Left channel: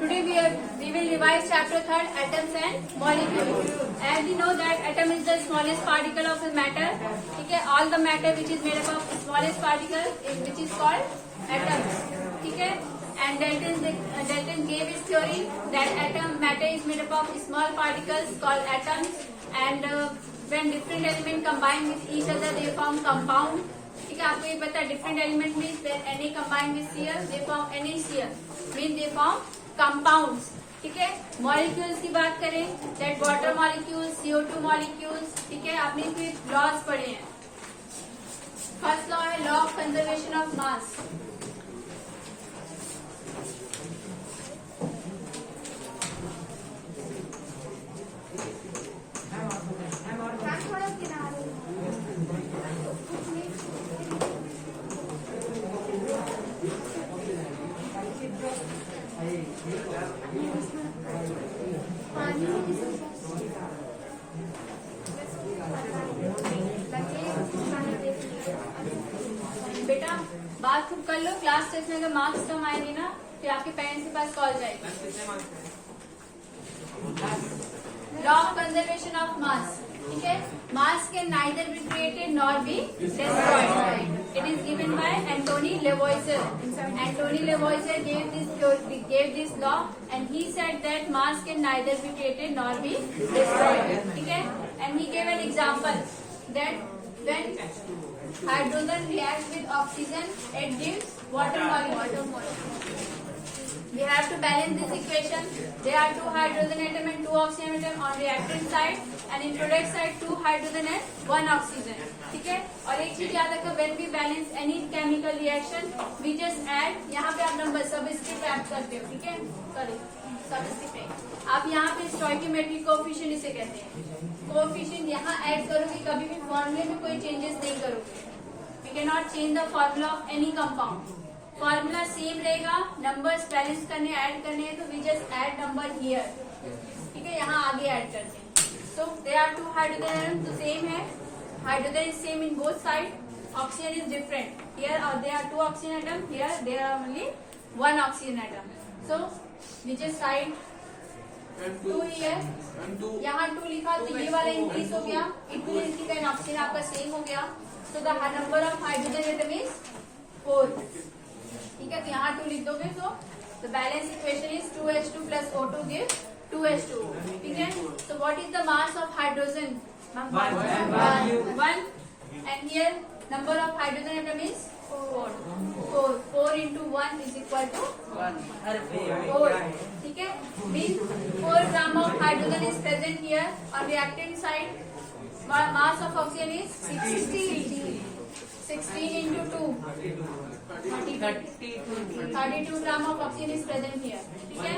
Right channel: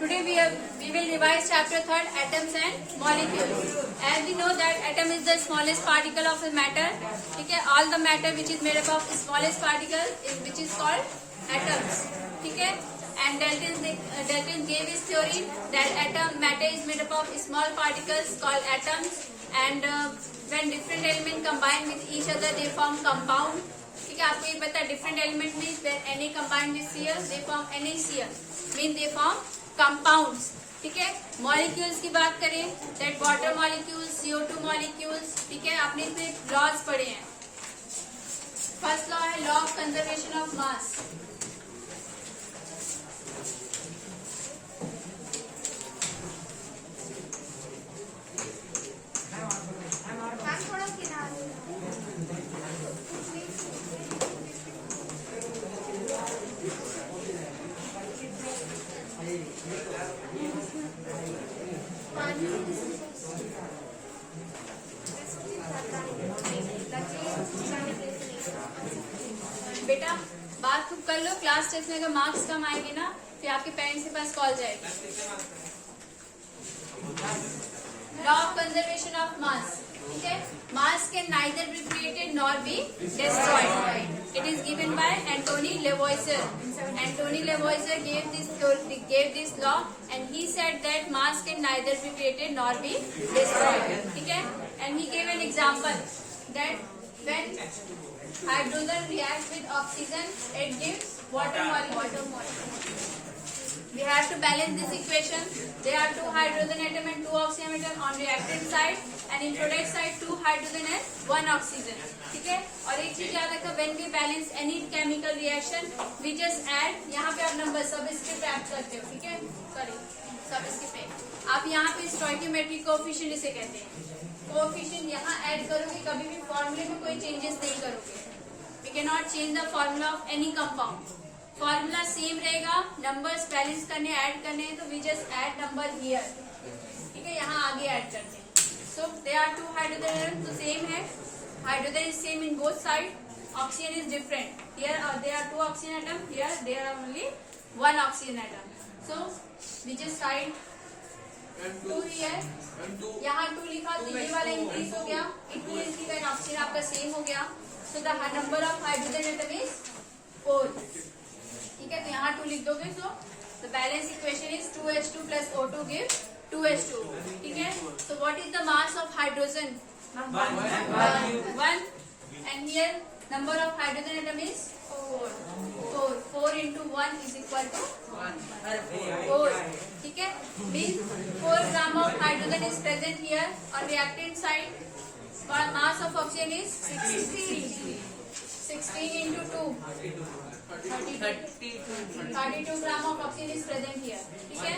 we will revise chapter 3, atoms and molecules. As we know that atom is the smallest particle of a matter. Okay, all the matter which is made up of smallest particle which is called atoms. Okay, and Dalton gave his theory that matter is made up of small particles called atoms, and when different elements combine with each other they form compound. ठीक है, आपको ये पता है different element means when Na combine with Cl they form NaCl mean they form compounds. ठीक है, molecules की बात करें that water molecules, CO2 molecules. ठीक है, आपने इसमें लॉज पढ़े हैं. फर्स्ट लॉ है लॉ ऑफ कंजर्वेशन ऑफ मास. बेटा बात खूब कर लो, क्लास टेस्ट में अगर मार्क्स कम आएंगे ना फिर आपके पेरेंट्स के पास कॉल जाएगी. Law of conservation of mass. ठीक है, mass can neither be created nor be destroyed. It is given by Antoine Lavoisier. Antoine Lavoisier gave this law and he said that mass can neither be created nor be destroyed. ठीक है, and he gave an example that when hydrogen reacts with oxygen it gives water molecule. We have to balance this equation. There are 2 hydrogen atom and 2 oxygen atom on reactant side, and in product side 2 hydrogen and 1 oxygen. ठीक है, और एक चीज याद रखो, when we balance any chemical reaction we just add. यहाँ पे आप नंबर सबस्क्रिप्ट ऐड करते हो. ठीक है, सॉरी सबस्क्रिप्ट आप यहाँ पे स्टोइकियोमेट्रिक कोएफिशिएंट इसे कहते हैं. कोएफिशिएंट यहाँ ऐड करोगे, कभी भी फॉर्मूले में कोई चेंजेस नहीं करोगे. We cannot change the formula of any compound. Formula same रहेगा, नंबर्स बैलेंस करने ऐड करने हैं तो we just add number here. ठीक है, यहाँ आगे ऐड करते हैं. So they are 2 hydrogen atom तो सेम है. Hydrogen is same in both side. Oxygen is different. Here they are 2 oxygen atom, here there are only 1 oxygen atom. So we just side 2 here. यहाँ 2 लिखा तो ये वाला increase हो गया. It means कि ऑक्सीजन आपका सेम हो गया. So the number of hydrogen atom is 4. ठीक है, तो यहाँ 2 लिख दोगे. So the balance equation is 2H2 plus O2 gives 2H2. ठीक है, so what is the mass of hydrogen? 1. And here number of hydrogen atom is 4. 4 into 1 is equal to 4. ठीक है, means 4 gram of hydrogen is present here. On reactant side mass of oxygen is 16 into 2 32 gram of oxygen is present here. ठीक है,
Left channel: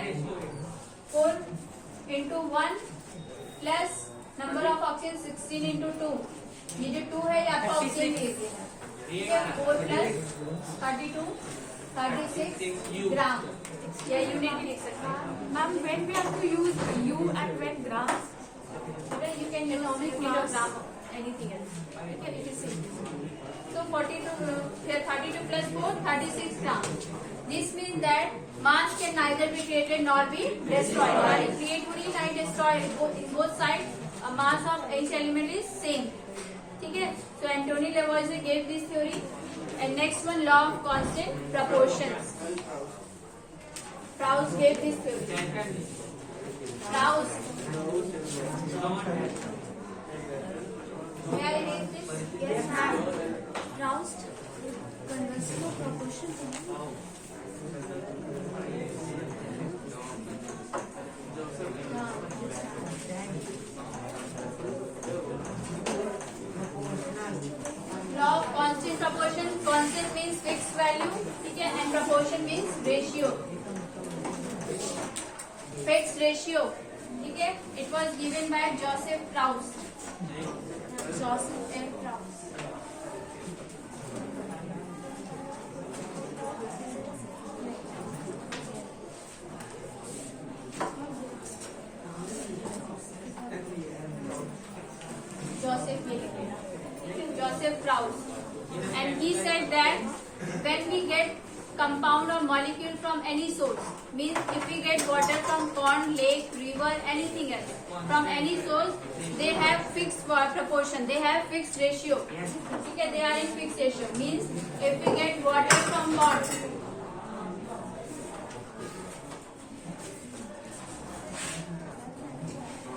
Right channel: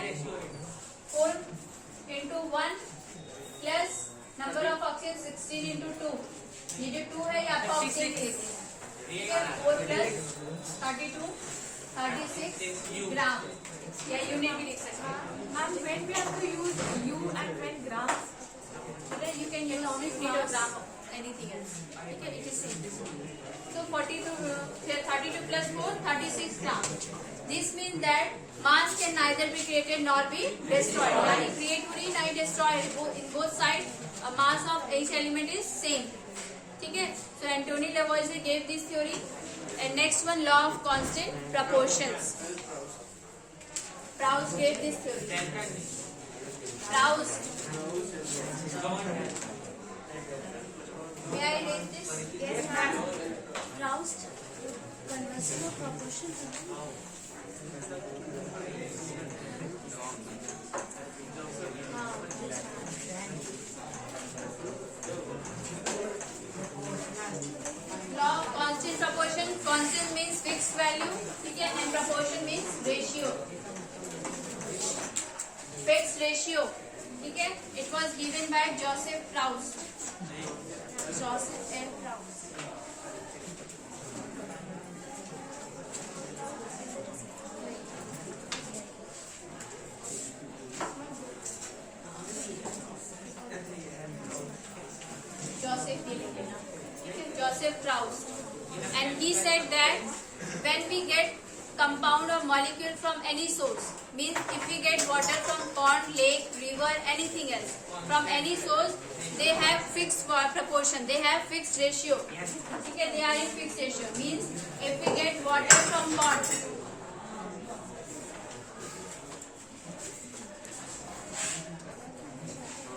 4 into 1 plus number of oxygen 16 into 2. ये जो 2 है ये आपका oxygen लेते हैं. ठीक है, 4 plus 32 36 ग्राम. या यूनिट लिख सकते हैं. Ma'am, when we have to use U and when grams? You can use only kilogram of anything else. ठीक है, it is same. So 32 plus 4 36 gram. This means that mass can neither be created nor be destroyed. Neither create nor destroyed. In both sides, mass of each element is same. ठीक है, so Anthony Lavoisier gave this theory. And next one, law of constant proportions. Proust gave this theory. Proust. May I read this? Yes, ma'am. Proust conversion of proportion. Law of constant proportion. Constant means fixed value. ठीक है, and proportion means ratio. Fixed ratio. ठीक है, it was given by Joseph Proust. Joseph M. Proust. Joseph Proust, and he said that when we get compound or molecule from any source. Means if we get water from pond, lake, river, anything else, from any source, they have fixed proportion, they have fixed ratio. Okay, they are in fixed ratio. Means if we get water from pond,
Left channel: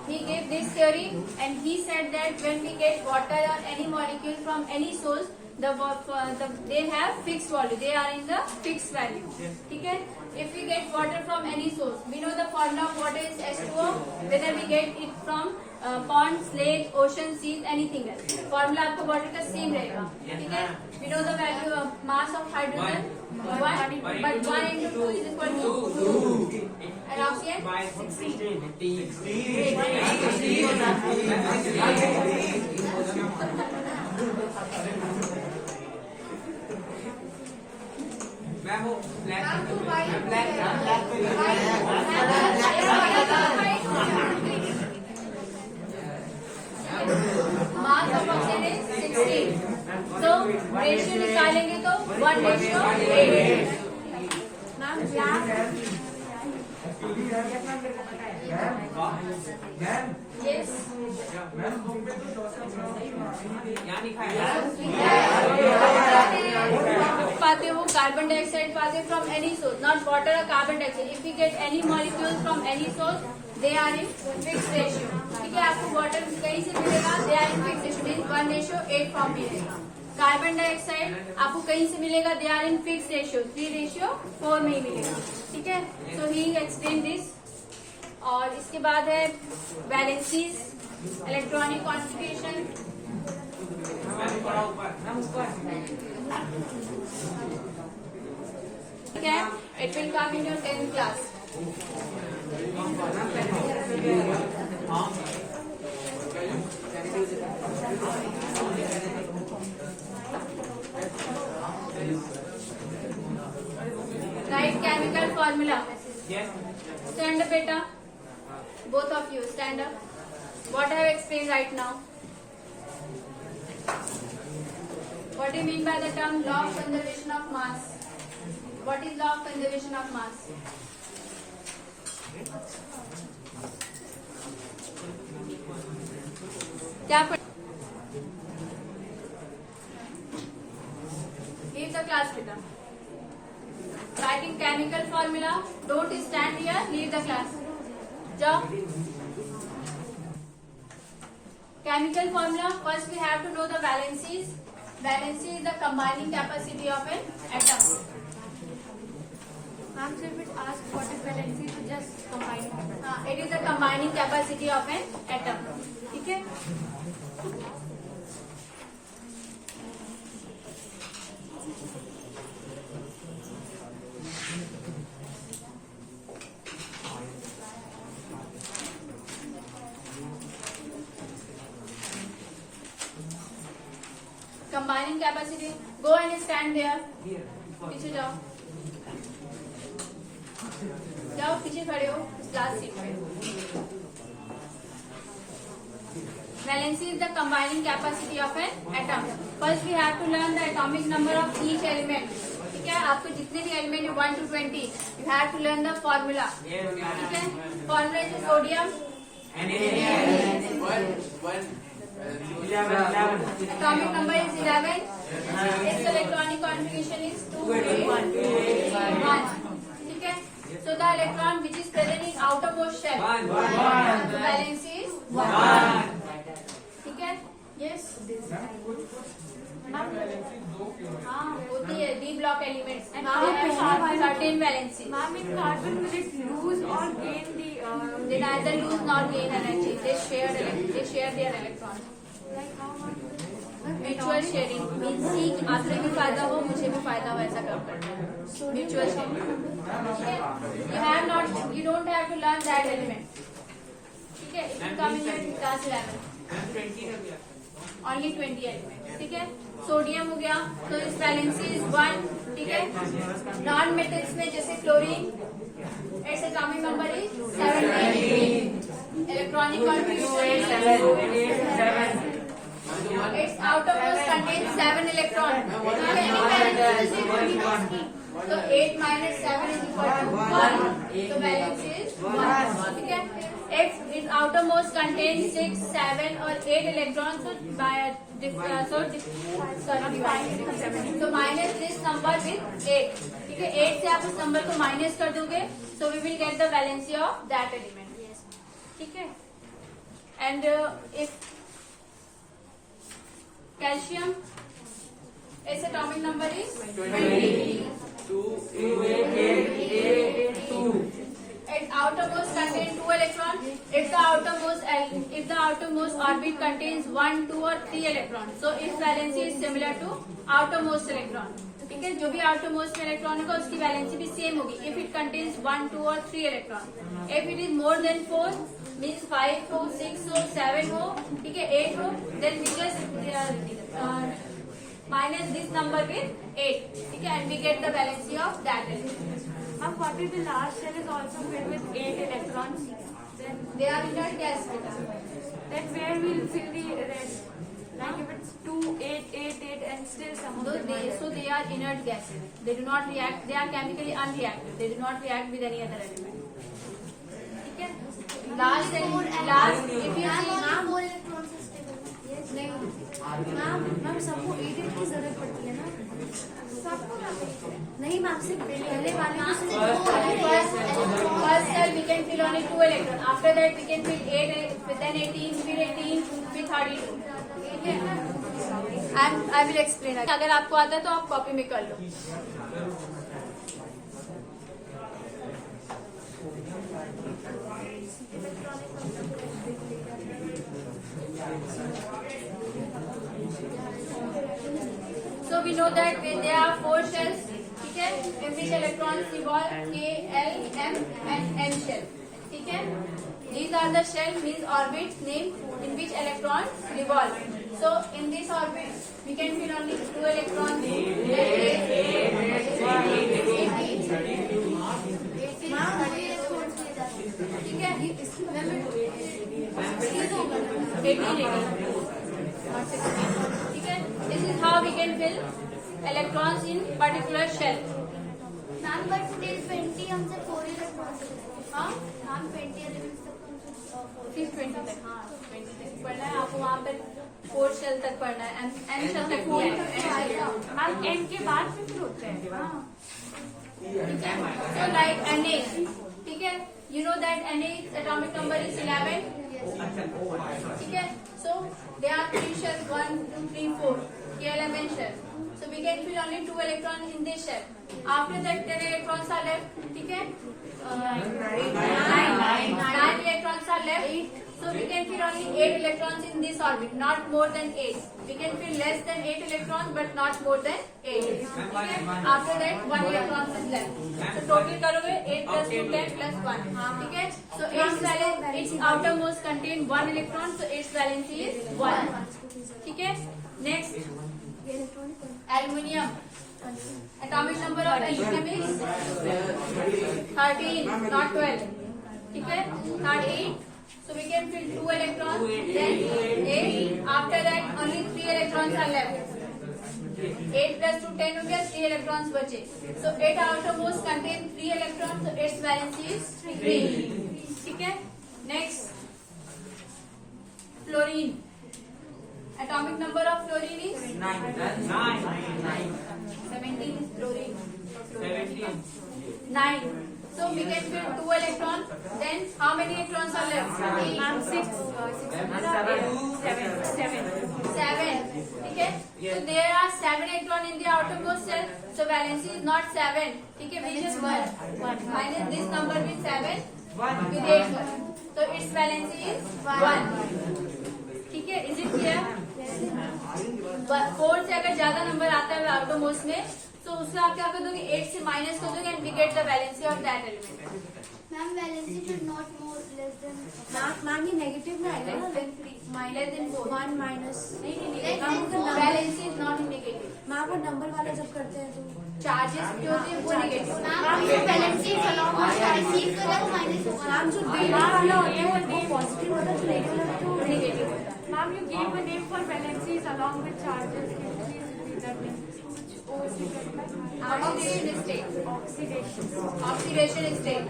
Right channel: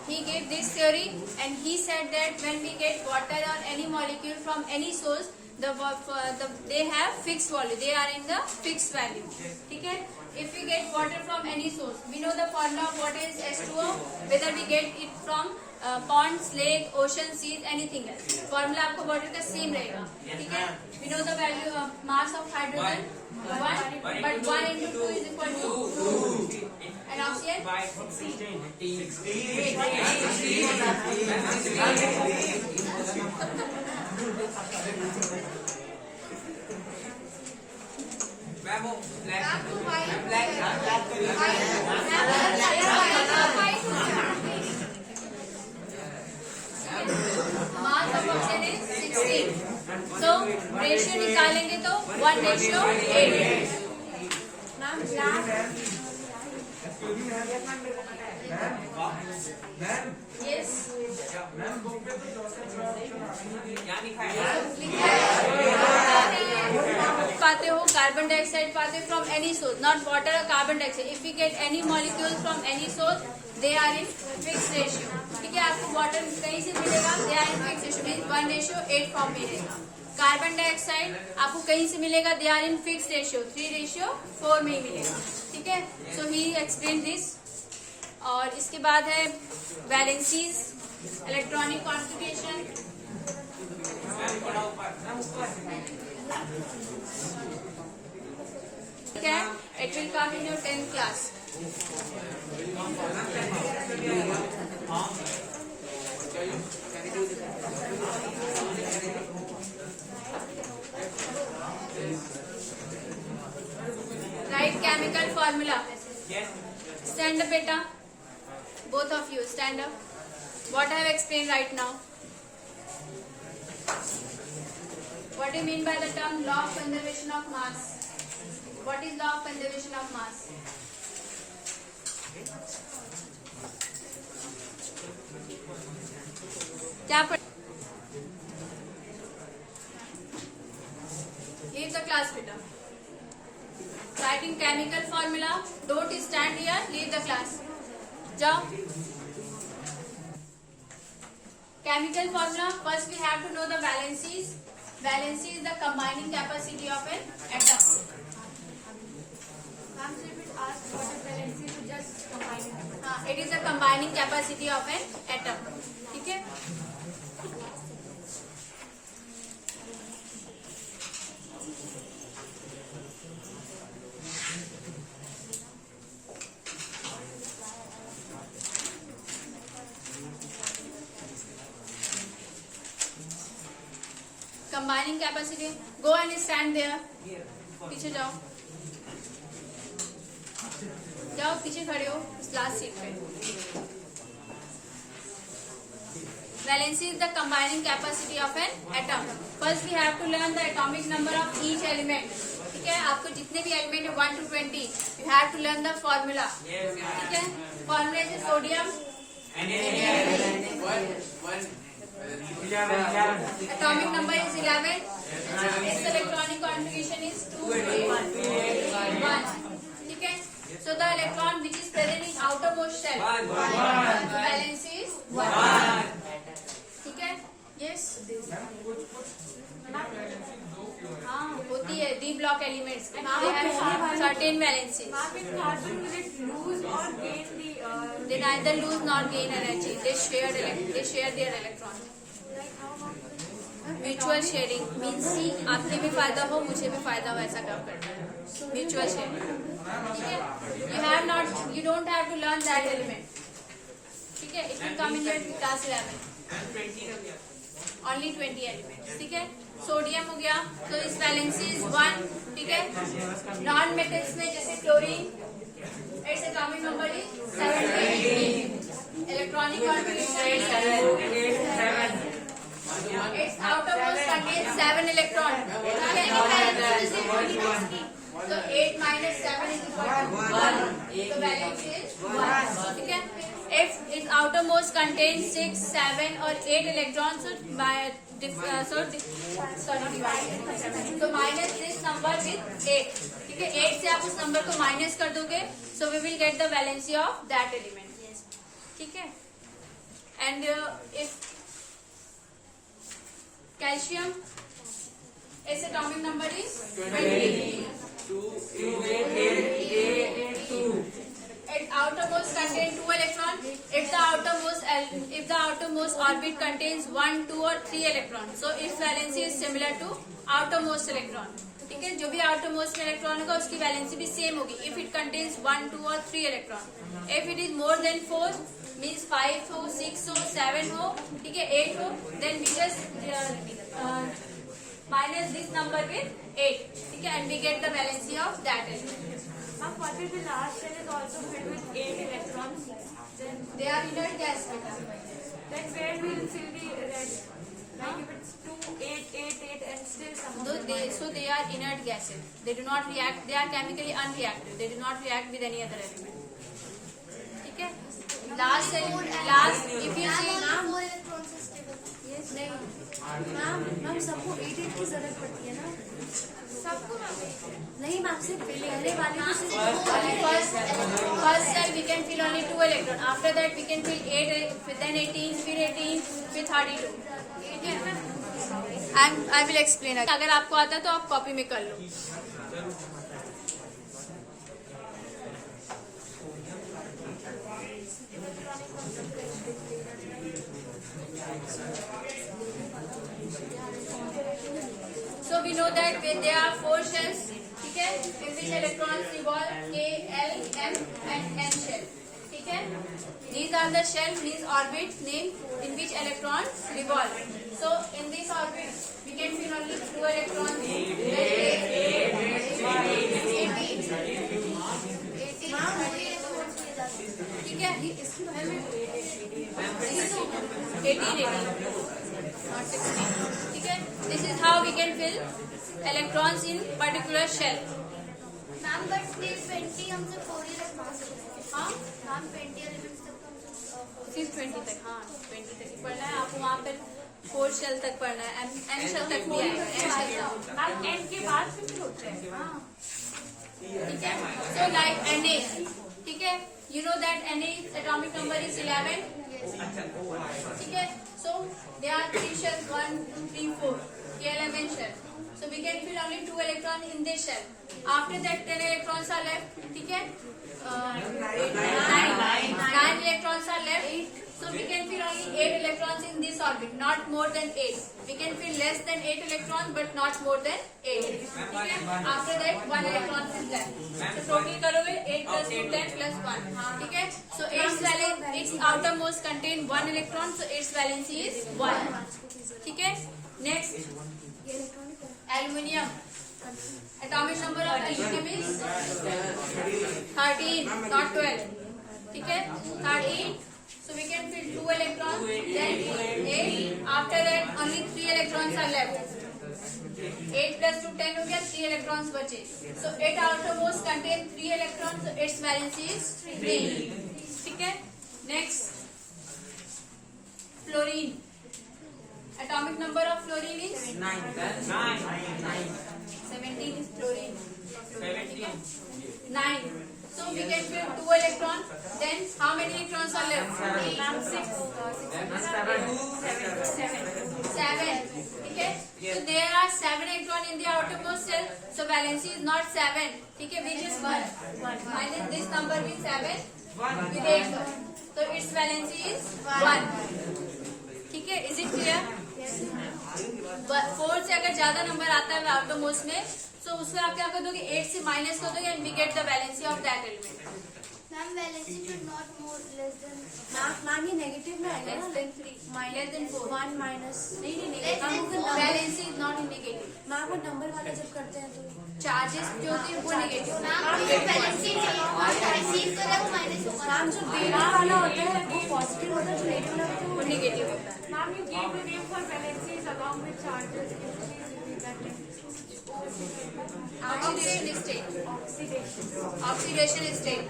he gave this theory and he said that when we get water or any molecule from any source, they have fixed value, they are in the fixed value. Okay, if we get water from any source, we know the formula of water is H2O, whether we get it from ponds, lake, ocean, seas, anything else, formula आपको water का same रहेगा. ठीक है, we know the value of mass of hydrogen 1, but 1 into 2 is equal to 2. And oxygen 16. Mass of oxygen is 16. So ratio निकालेंगे तो 1:8. Ma'am, black. Yes. पाते हो carbon dioxide पाते हो from any source, not water और carbon dioxide. If you get any molecule from any source, they are in fix ratio. ठीक है, आपको वाटर कहीं से मिलेगा, they are in fix ratio, means 1:8 form में रहेगा. कार्बन डाइऑक्साइड आपको कहीं से मिलेगा, they are in fix ratio 3:4 में ही मिलेगा. ठीक है, सो ही एक्सप्लेन दिस. और इसके बाद है वैलेंसीज, इलेक्ट्रॉनिक कॉन्फिगरेशन. ठीक है, it will come in your 10th class. Write chemical formula. Stand up, beta. Both of you stand up. What I have explained right now. What do you mean by the term law of conservation of mass? What is law of conservation of mass? क्या leave the class, beta. Writing chemical formula. Don't stand here. Leave the class. जाओ. Chemical formula. First we have to know the valencies. Valency is the combining capacity of an atom. Ma'am, so if it asks what is valency, so just combine it. It is the combining capacity of an atom. ठीक है. Combining capacity. Go and stand there. पीछे जाओ. जाओ पीछे खड़े हो last seat पे. Valency is the combining capacity of an atom. First we have to learn the atomic number of each element. ठीक है, आपको जितने भी एलिमेंट है 1 to 20, you have to learn the formula. ठीक है, formula is sodium. Atomic number is 11. Its electronic configuration is 2, 3, 1. ठीक है, so the electron which is present in outermost shell, the valence is 1. ठीक है, yes. हाँ होती है D block elements and they have certain valencies. Ma'am, in carbon, will it lose or gain the? They neither lose nor gain energy. They share their electron. Like how, ma'am? Mutual sharing means कि आपके भी फायदा हो मुझे भी फायदा हो, ऐसा काम करते हैं. Mutual sharing. You don't have to learn that element. ठीक है, it will come in your class 11. Only 20 elements. ठीक है, सोडियम हो गया तो इस वैलेंसी इज 1. ठीक है, नॉन मेटल्स में जैसे chlorine, its atomic number is 17. Electronic configuration it's outermost contains 7 electrons. So 8 minus 7 is equal to 1. So valence is 1. ठीक है? If its outermost contains 6, 7 or 8 electrons, so minus this number with 8. ठीक है? 8 से आप उस number को minus कर दोगे, so we will get the valency of that element. ठीक है? And if calcium, its atomic number is 20. Its outermost contains 2 electrons. If the outermost orbit contains 1, 2 or 3 electrons, so its valency is similar to outermost electron. ठीक है? जो भी outermost में electron होगा उसकी valency भी same होगी. If it contains 1, 2 or 3 electron. If it is more than 4, means 5 हो, 6 हो, 7 हो, ठीक है, 8 हो, then we just minus this number with 8. ठीक है? And we get the valency of that element. And what if the last cell is also filled with 8 electrons? Then They are inert gas. where we will fill the red? Like if it's 2, 8, 8, 8 and still some of them are- So they are inert gases. They do not react. They are chemically unreactive. They do not react with any other element. ठीक है? Last if you see ma'am सबको 8 की जरूरत पड़ती है ना? नहीं ma'am, सिर्फ पहले वाले को सिर्फ first cell we can fill only 2 electron. After that we can fill 8, then 18, फिर 18, फिर 32. ठीक है? And I will explain. अगर आपको आता है तो आप कॉपी में कर लो. So we know that when there are 4 shells, ठीक है, in which electrons revolve, K, L, M and N shell. ठीक है? These are the shells, these orbits named in which electrons revolve. So in this orbit, we can fill only 2 electrons. ठीक है? 18, not 16. ठीक है? This is how we can fill electrons in particular shell. Ma'am but still 20 हमसे 4 electrons हाँ? Ma'am 20 elements तक हमसे सिर्फ 20 तक. हाँ, 20 तक पढ़ना है आपको. वहाँ तक 4 शेल तक पढ़ना है. N शेल तक नहीं है. मैम एन के बाद में फिर होते हैं. ठीक है? So like Na, ठीक है? You know that Na atomic number is 11. ठीक है? So there are 3 shells, 1, 2, 3, 4. KLMN shell. So we can fill only 2 electrons in this shell. After that 10 electrons are left. ठीक है? 9 electrons are left. So we can fill only 8 electrons in this orbit, not more than 8. We can fill less than 8 electrons, but not more than 8. ठीक है? After that 1 electron is left. So total करोगे 8 plus 2 10 plus 1. ठीक है? So its outermost contain 1 electron, so its valency is 1. ठीक है? Next, aluminium. Atomic number of aluminium is 13, not 12. ठीक है? 13. So we can fill 2 electrons, then 8. After that only 3 electrons are left. 8 plus 2 10 हो गया, 3 electrons बचे. So 8 outermost contain 3 electrons, so its valency is 3. ठीक है? Next, fluorine. Atomic number of fluorine is 17 is fluorine. 9. So we can fill 2 electrons. Then how many electrons are left? Ma'am 6 7. Okay. So there are 7 electrons in the outermost shell. So valency is not 7. Okay. We just 1. Minus this number with 7. With 8 1. So its valency is 1. ठीक है? Is it clear? 4 से अगर ज्यादा number आता है outermost में, so उसमें आप क्या कर दोगे? 8 से माइनस कर दोगे and we get the valency of that element. Ma'am valency should not more less than ma'am ये नेगेटिव में आएगा ना? Less than 3. Less than 4. 1 minus नहीं. हम अगर number Valency is not indicative. Ma'am वो नंबर वाला जब करते हैं तो Charges जो होते हैं वो negative. मैम ये वैलेंसी रिसीव करे वो माइनस होगा मैम जो देने वाला होता है वो पॉजिटिव होता है, जो लेने वाला होता है वो Negative होता है. Ma'am, you gave the name for valencies along with charges. Can you please repeat that name? Oxidation state. Oxidation state.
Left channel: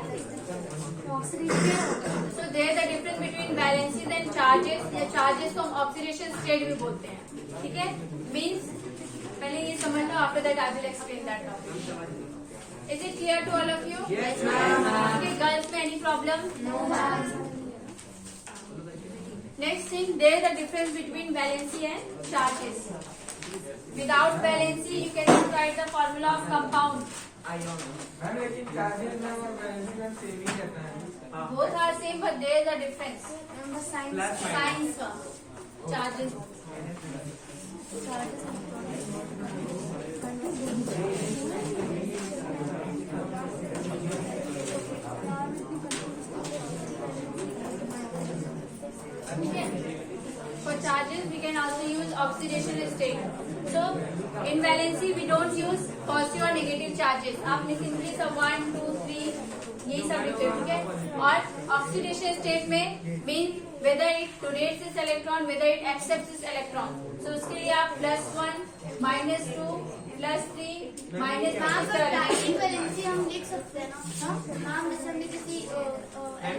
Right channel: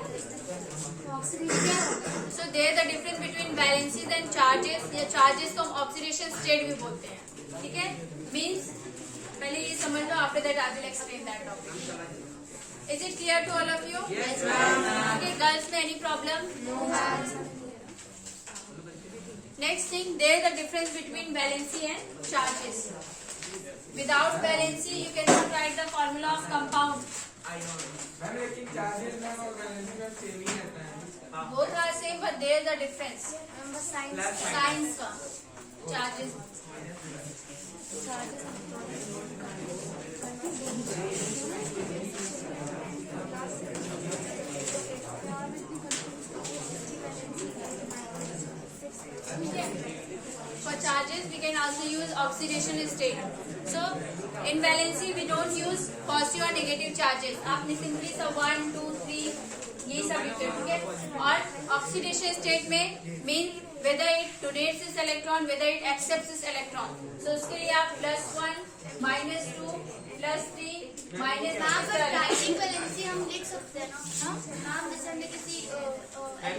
So there the difference between valencies and charges. या charges को हम oxidation state भी बोलते हैं. ठीक है? Means पहले ये समझ लो. After that I will explain that topic. Is it clear to all of you? Yes, ma'am. Okay, girls, में any problem? No, ma'am. Next thing, there the difference between valency and charges. Without valency, you cannot write the formula of compound. Both are same, but there is a difference. Remember science. Signs का charges. For charges, we can also use oxidation state. So, in valency, we don't use positive or negative charges. आपने simply सब 1, 2, 3 यही सब लिखे, ठीक है? और oxidation state में mean whether it donates this electron, whether it accepts this electron. So उसके लिए आप +1, -2, +3, -3 मैम पर डायरेक्ट वैलेंसी हम लिख सकते हैं ना? मैम जैसे हमने किसी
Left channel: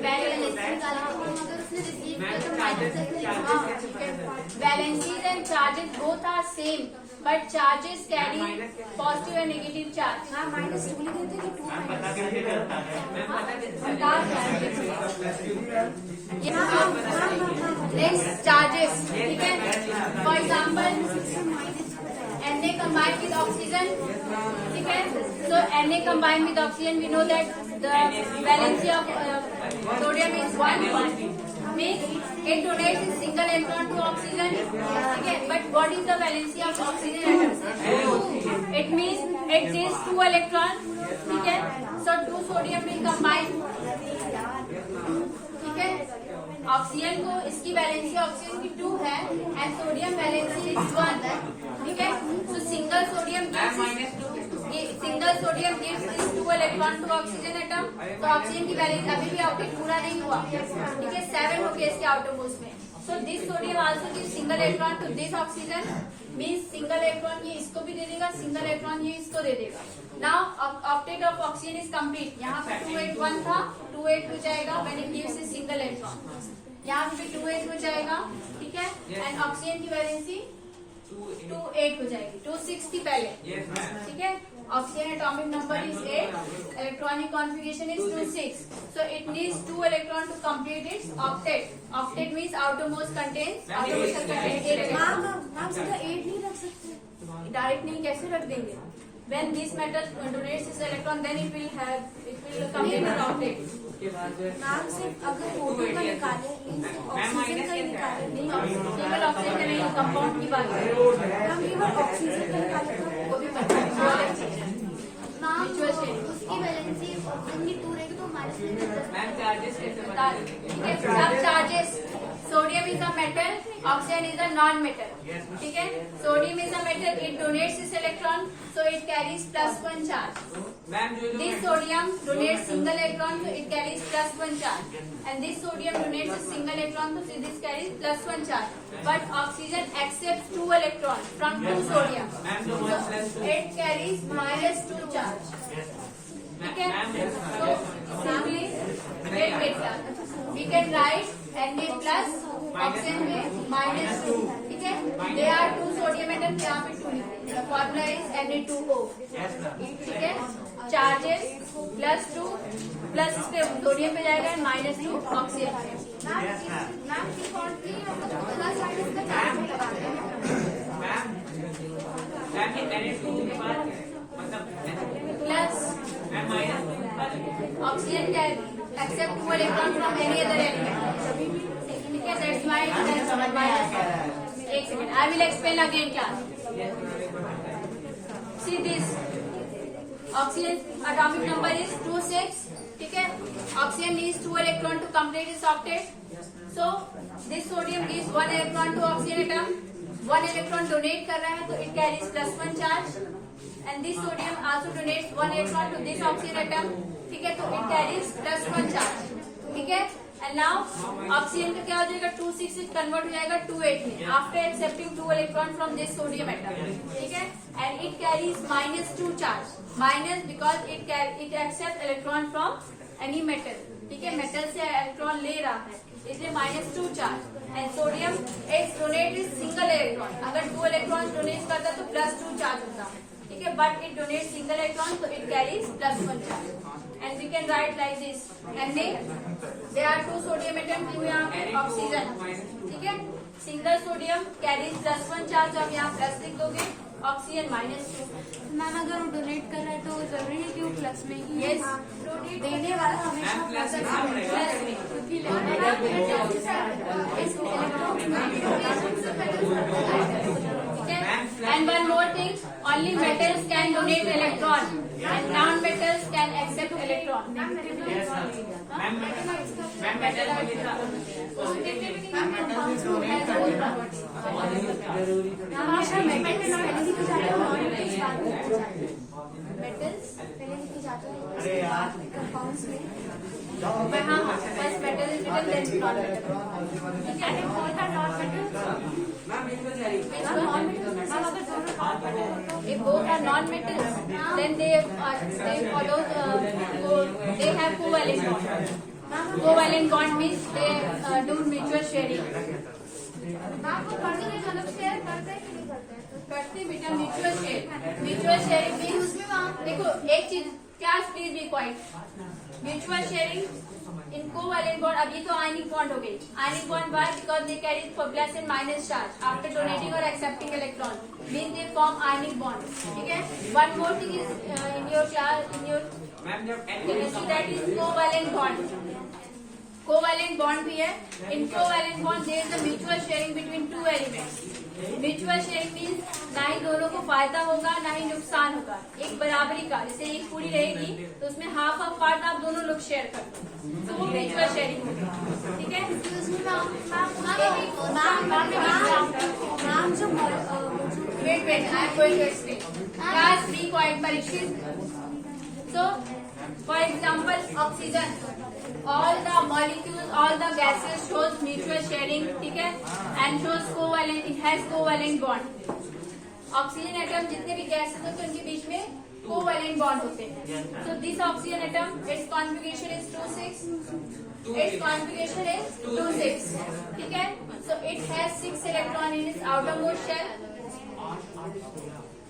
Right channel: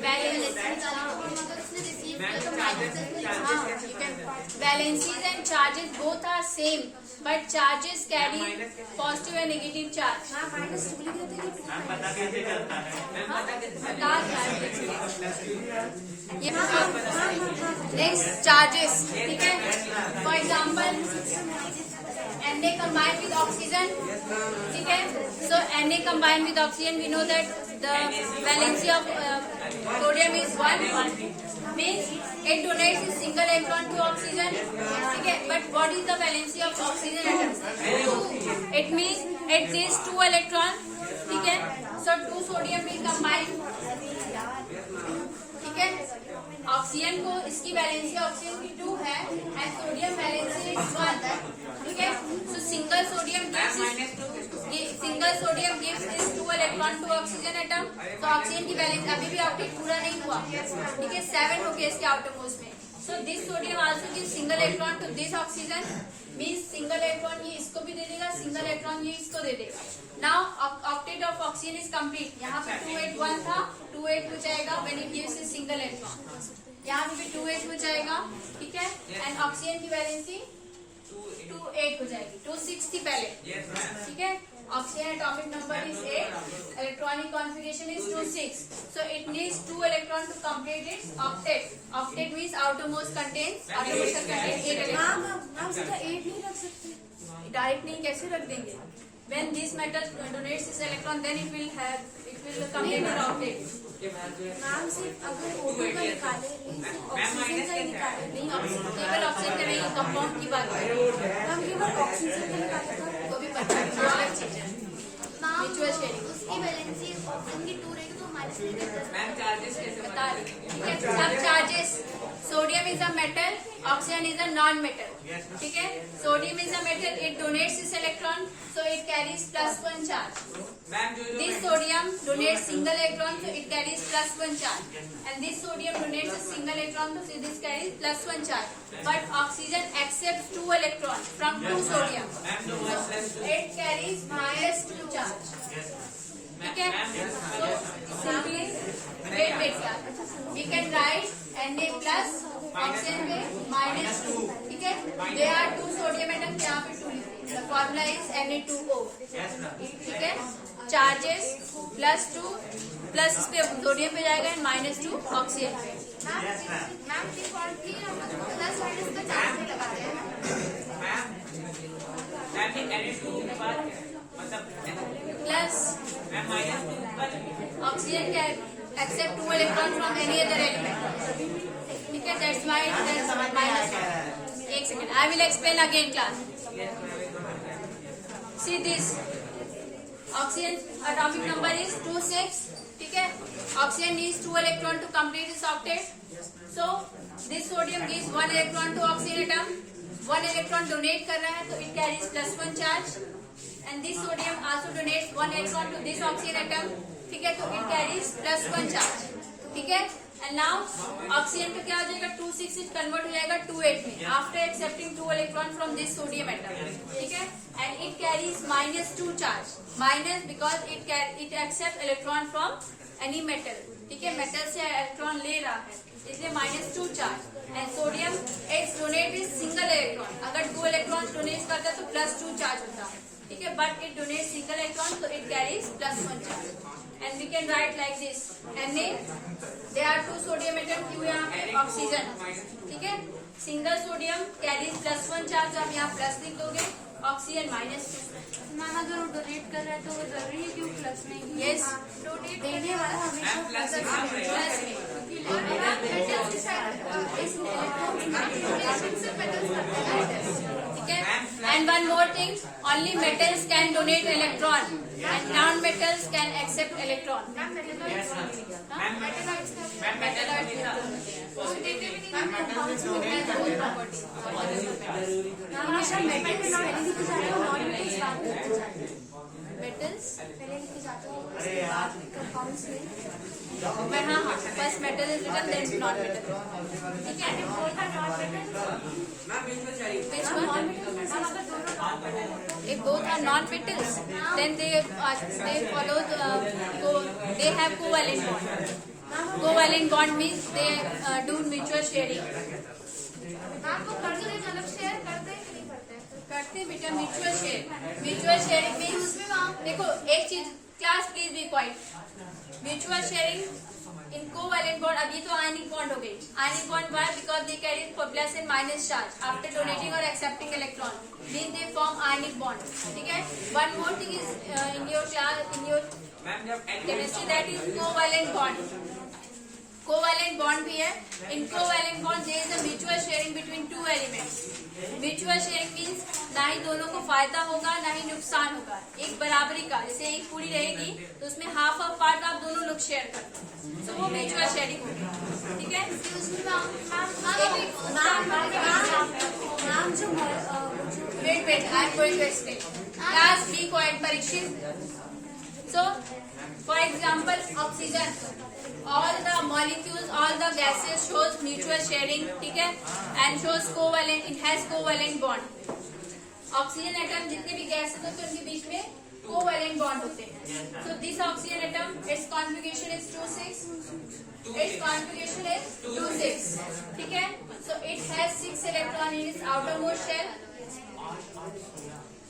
वैलेंसी निकाला तो हम अगर उसने रिसीव किया तो minus valencies and charges both are same, but charges carry positive and negative charge. हाँ -2 लिख देते कि 2 Next, charges. ठीक है? For example, Na combined with oxygen. ठीक है? So Na combined with oxygen, we know that the valency of sodium is 1. Means it donates a single electron to oxygen. ठीक है? But what is the valency of oxygen atom? 2. It means it gives 2 electrons. ठीक है? So 2 sodium will combine. ठीक है? Oxygen को इसकी valency oxygen की 2 है एंड सोडियम वैलेंसी इज 1. ठीक है? So single sodium gives this 2 electron to oxygen atom. तो ऑक्सीजन की वैलेंसी अभी भी आउटर पूरा नहीं हुआ. ठीक है? 7 हो गया इसके आउटर मोस्ट में. So this sodium also gives single electron to this oxygen. Means single electron ये इसको भी दे देगा, सिंगल इलेक्ट्रॉन ये इसको दे देगा. Now octet of oxygen is complete. यहाँ पे 281 था, 28 हो जाएगा when it gives a single electron. यहाँ पे 28 हो जाएगा. ठीक है? एंड ऑक्सीजन की वैलेंसी 28 हो जाएगी. 26 थी पहले. ठीक है? Oxygen atomic number is 8, electronic configuration is 26. So it needs 2 electron to complete its octet. Octet means outermost contains 8 electron. Ma'am सीधा 8 नहीं रख सकते. डायरेक्ट नहीं कैसे रख देंगे? When this metal donates this electron, then it will complete the octet. Ma'am सिर्फ अगर O2 का निकाले ऑक्सीजन का ही निकाले नहीं, केवल ऑक्सीजन का नहीं, कंपाउंड की बात कर रहे हैं. मैम केवल ऑक्सीजन का निकाले तो वो भी पता है, वो अलग चीज है. Ma'am Mutual sharing. उसकी वैलेंसी ऑक्सीजन की 2 रहेगी तो माइनस में बता रही. ठीक है? सब charges. Sodium is a metal, oxygen is a non metal. ठीक है? Sodium is a metal, it donates this electron, so it carries +1 charge. This sodium donates single electron, so it carries +1 charge. And this sodium donates a single electron, so this carries +1 charge. But oxygen accepts 2 electrons from 2 sodium, so it carries -2 charge. ठीक है? So simply wait. You can write Na plus oxygen में -2. ठीक है? There are 2 sodium atoms, यहाँ पे 2 लिखते हैं. The formula is Na2O. ठीक है? चार्जेस +2 प्लस इस पे सोडियम पे जाएगा and -2 oxygen. Plus oxygen can accept 2 electron from any other element. ठीक है? That's why it is -2. एक second, I will explain again class. See this. Oxygen atomic number is 26. ठीक है? Oxygen needs 2 electron to complete its octet. So this sodium gives 1 electron to oxygen atom. 1 electron donate कर रहा है तो it carries +1 charge. And this sodium also donates 1 electron to this oxygen atom. ठीक है? तो it carries +1 charge. ठीक है? And now oxygen का क्या हो जाएगा 2 6 से कन्वर्ट हो जाएगा 2 8 में after accepting 2 electron from this sodium atom, ठीक है, and it carries -2 charge, minus because it accept electron from any metal, ठीक है, मेटल से इलेक्ट्रॉन ले रहा है इसलिए -2 charge and sodium it's donate is single electron, अगर 2 इलेक्ट्रॉन डोनेट करता है तो +2 चार्ज होता, ठीक है, but it donate single electron तो it carries +1 charge and we can write like this Na there are 2 sodium atom क्यों यहाँ पे ऑक्सीजन, ठीक है, सिंगल सोडियम कैरीज +1 चार्ज, आप यहाँ प्लस लिख दोगे, ऑक्सीजन -2। मैम अगर वो डोनेट कर रहा है तो जरूरी है कि वो प्लस में ही यस डोनेट देने वाला हमेशा प्लस प्लस में, क्योंकि लेने वाला ठीक है, and one more thing, only metals can donate electron and non metals can accept electron. हमेशा मेटल्स पहले लिखे जाते हैं और नॉन मेटल्स बाद में लिखे जाते हैं। मेटल्स पहले लिखे जाते हैं उसके बाद कंपाउंड्स में हाँ first metal is written then non metal, ठीक है, non metals if both are non-metals, then they follow they have covalent bond. Covalent bond means they do mutual sharing. करते बेटा म्यूचुअल शेयरिंग मीन उसमें देखो एक चीज class please be quiet, mutual sharing in covalent bond, अब ये तो ionic bond हो गई, ionic bond why because they carry plus and minus charge after donating और accepting electron mean they form ionic bond, ठीक है, one more thing is in your chemistry that is covalent bond, covalent bond भी है, in covalent bond there is a mutual sharing between 2 elements, mutual sharing means ना ही दोनों को फायदा होगा ना ही नुकसान होगा, एक बराबरी का, जैसे एक पूरी रहेगी तो उसमें हाफ ऑफ पार्ट आप दोनों लोग शेयर करते हैं, तो वो म्यूचुअल शेयरिंग होगी, ठीक है। मैम जो wait I am going to explain, class be quite परीक्षित। So, for example, oxygen, all the molecules, all the gases shows mutual sharing, ठीक है, and shows covalent, it has covalent bond. Oxygen atom जितने भी gases होते हैं उनके बीच में covalent bond होते हैं. So this oxygen atom, its configuration is 2,6. Its configuration is 2,6, ठीक है. So it has 6 electron in its outermost shell.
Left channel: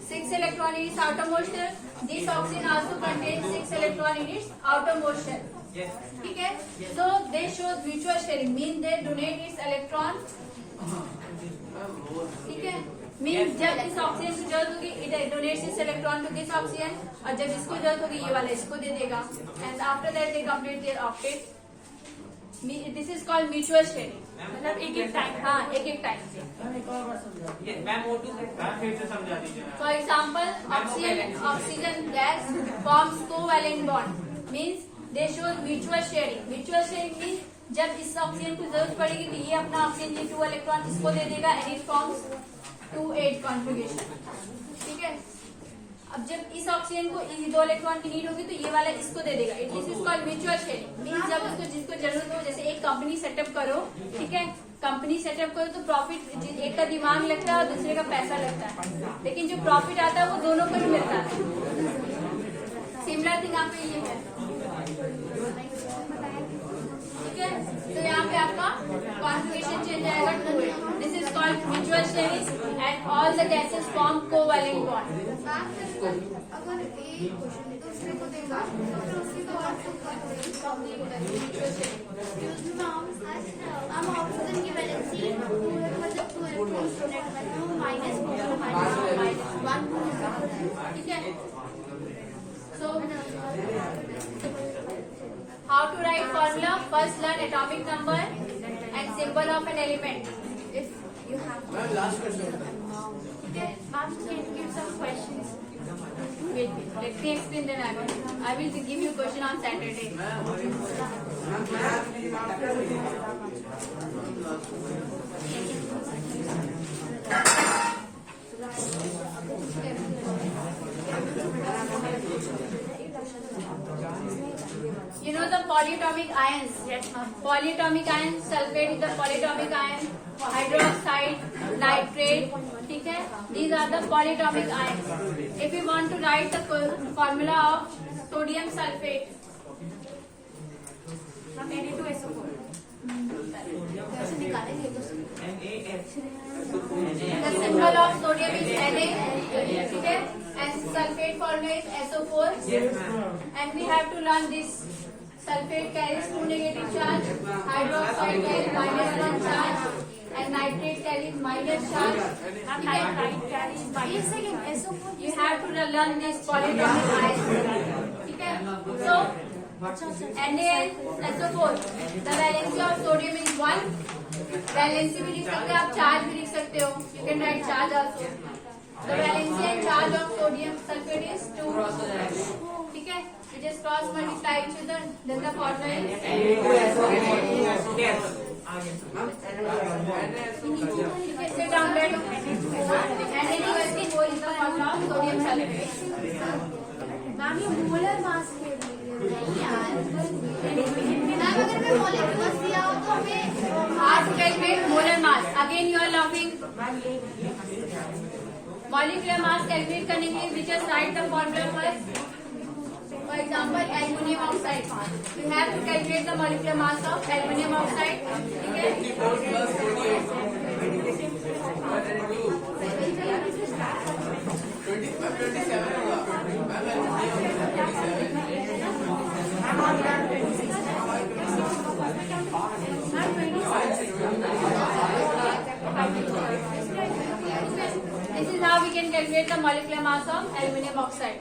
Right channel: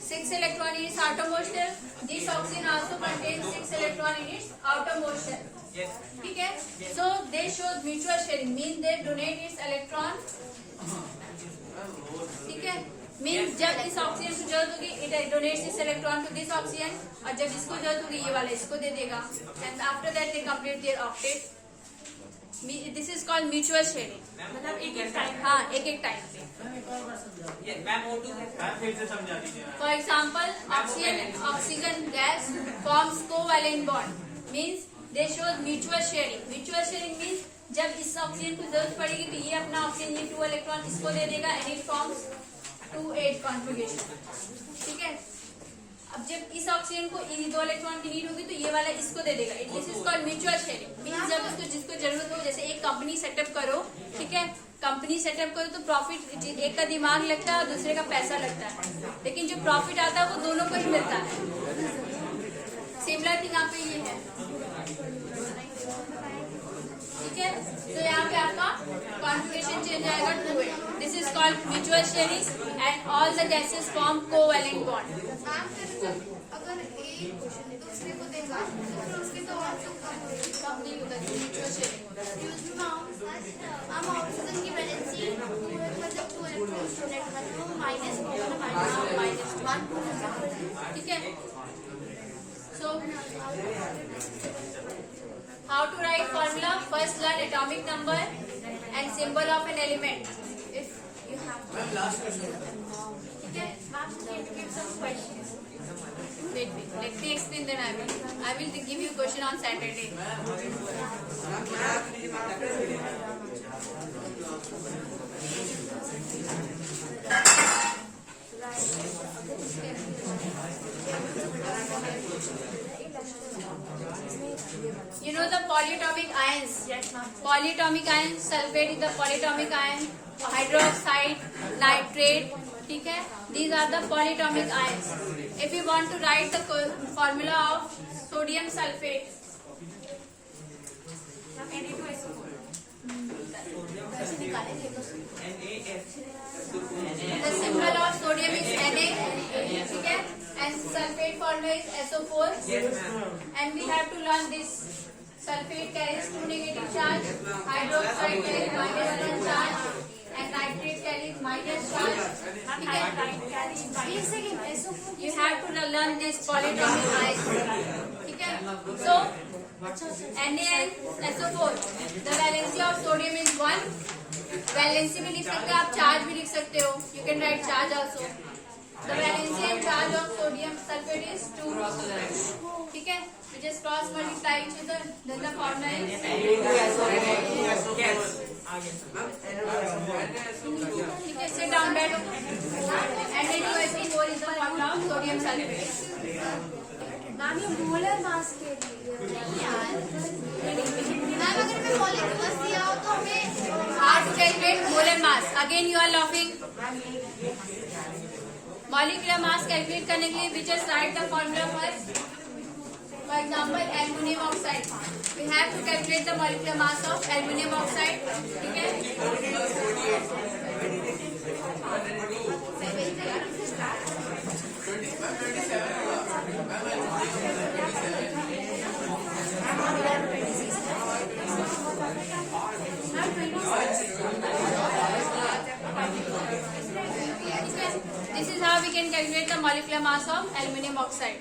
6 electron in its outermost shell. This oxygen also contains 6 electron in its outermost shell. ठीक है. So they show mutual sharing, mean they donate its electron. ठीक है. Means जब इस oxygen को जरूरत होगी it donates its electron to this oxygen, और जब इसको जरूरत होगी ये वाला इसको दे देगा. And after that they complete their octet. This is called mutual sharing. मतलब एक-एक टाइम, हाँ एक-एक time. For example, oxygen gas forms covalent bond. Means they show mutual sharing. Mutual sharing means जब इस ऑक्सीजन को जरूरत पड़ेगी तो ये अपना ऑक्सीजन ये 2 इलेक्ट्रॉन इसको दे देगा and it forms 2,8 कॉन्फ़िगरेशन. ठीक है. अब जब इस ऑक्सीजन को 2 इलेक्ट्रॉन की नीड होगी तो ये वाला इसको दे देगा. This is called mutual sharing. Means जब इसको जिसको जरूरत हो, जैसे एक कंपनी सेटअप करो, ठीक है, कंपनी सेटअप करो तो प्रॉफिट एक का दिमाग लगता है और दूसरे का पैसा लगता है, लेकिन जो प्रॉफिट आता है वो दोनों को ही मिलता है. सिमिलर थिंग यहाँ पे ये है. ठीक है. तो यहाँ पे आपका कॉन्फ़िगरेशन चेंज आएगा 2,8. This is called mutual sharing and all the gases form covalent bond. अगर एक क्वेश्चन है तो उसमें को देगा तो उसके तो हम ऑक्सीजन की वैलेंसी मतलब 2 इलेक्ट्रॉन्स डोनेट करते हैं वो -1. ठीक है. So how to write formula? First learn atomic number and symbol of an element. If you have to. last question. Okay. Ma'am, can you give some questions? Wait. Let me explain. Then I will give you a question on Saturday. You know the polyatomic ions? Yes, ma'am. Polyatomic ion, sulfate is the polyatomic ion, hydroxide, nitrate, ठीक है? These are the polyatomic ions. If you want to write the formula of sodium sulfate, Ma'am, Na2SO4. कैसे निकालेंगे तो the symbol of sodium is Na, ठीक है? And sulfate formula is SO4. And we have to learn this. Sulfate carries 2 negative charge, hydroxide carries -1 charge, and nitrate carries minus charge. Ma'am, ठीक है? nitrite carries एक second SO4 You have to learn this polyatomic ions. ठीक है? So NaSO4, the valency of sodium is 1. Valency भी लिख सकते हो आप, चार्ज भी लिख सकते हो. You can write charge also. The valency and charge of sodium sulfate is 2. ठीक है? You just cross multiply each other. Then the formula is sit down, बैठो. Na2SO4 is the formula of sodium sulfate. Ma'am ये molar mass के लिए ma'am अगर मैं molecules दिया हो तो हमें Mass calculate molar mass. Again you are laughing. Molecular mass calculate करने के लिए we just write the formula first. For example, aluminum oxide. We have to calculate the molecular mass of aluminum oxide. ठीक है? This is how we can calculate the molecular mass of aluminum oxide.